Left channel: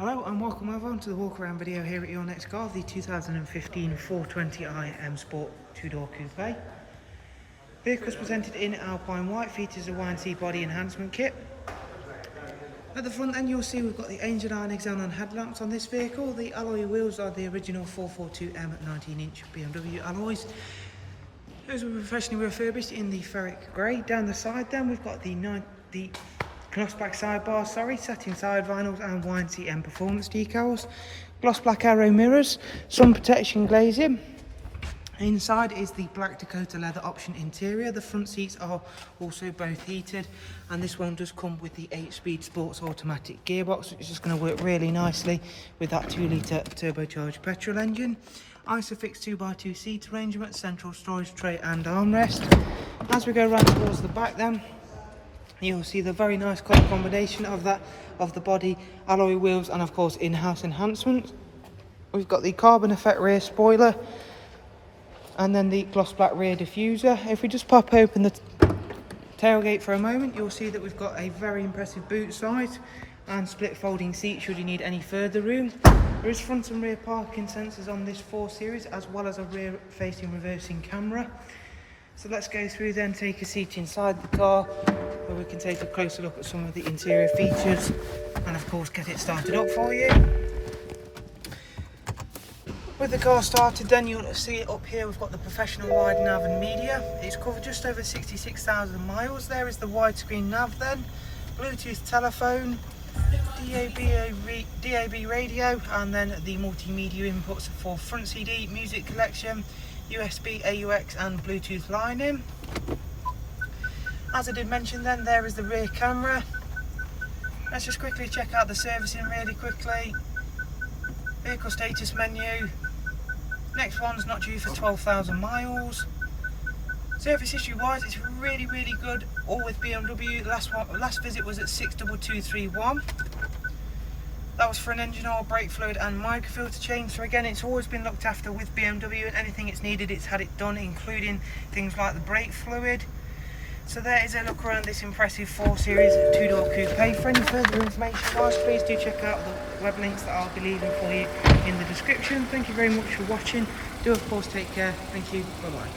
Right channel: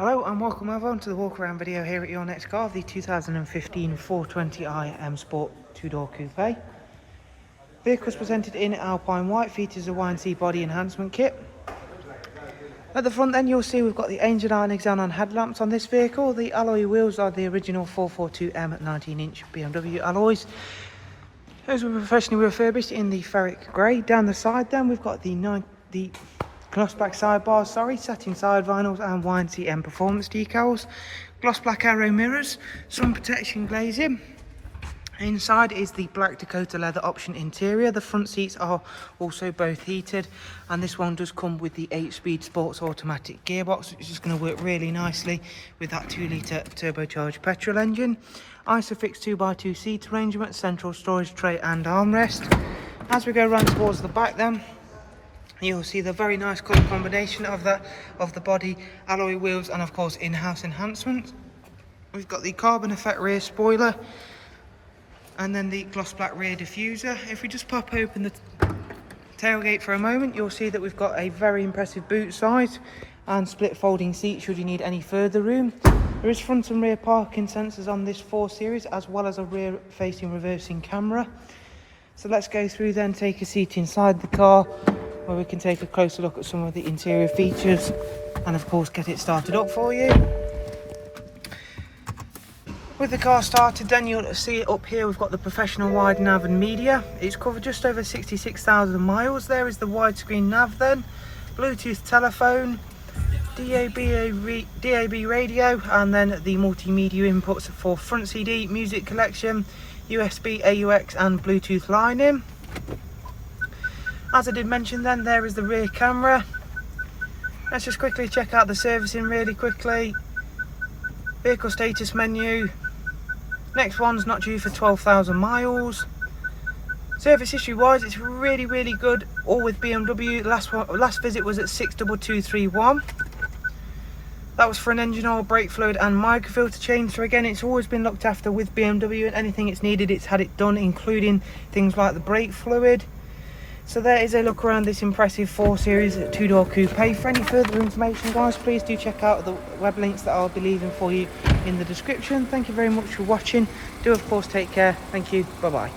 Hello and welcome everyone to the walk around video here at your next car, the 2015 420i M Sport 2-door coupe. Vehicle is presented in Alpine White, features a Y&T body enhancement kit. At the front then you'll see we've got the Angel Eye and Xenon headlamps on this vehicle. The alloy wheels are the original 442M 19-inch BMW alloys. Those were professionally refurbished in the ferric grey. Down the side then we've got the gloss black sidebars, satin side vinyls and Y&T M performance decals, gloss black arrow mirrors, sun protection glazing. Inside is the black Dakota leather option interior. The front seats are also both heated, and this one does come with the 8-speed sports automatic gearbox, which is going to work really nicely with that 2-litre turbocharged petrol engine. Isofix 2x2 seat arrangement, central storage tray and armrest. As we go around towards the back then, you'll see the very nice colour combination of the body, alloy wheels and of course in-house enhancements. We've got the carbon effect rear spoiler and then the gloss black rear diffuser. If we just pop open the tailgate for a moment, you'll see that we've got a very impressive boot size and split folding seat should you need any further room. There is front and rear parking sensors on this 4 Series as well as a rear facing reversing camera. So let's go through then, take a seat inside the car where we can take a closer look at some of the interior features and of course get it started up for you. With the car started then, you'll see up here we've got the professional wide nav and media. It's covered just over 66,000 miles. There is the widescreen nav then, Bluetooth telephone, DAB radio, and then the multimedia inputs for front CD, music collection, USB, AUX and Bluetooth line in. As I did mention then, there is the rear camera. Let's just quickly check out the servicing really quickly. Vehicle status menu. Next one's not due for 12,000 miles. Service history wise, it's really good, all with BMW. Last visit was at 62231. That was for an engine oil, brake fluid and microfilter change. So again, it's always been looked after with BMW, and anything it's needed, it's had it done, including things like the brake fluid. So there is a look around this impressive 4 Series 2-door coupe. For any further information guys, please do check out the web links that I'll be leaving for you in the description. Thank you very much for watching. Do of course take care. Thank you. Bye bye.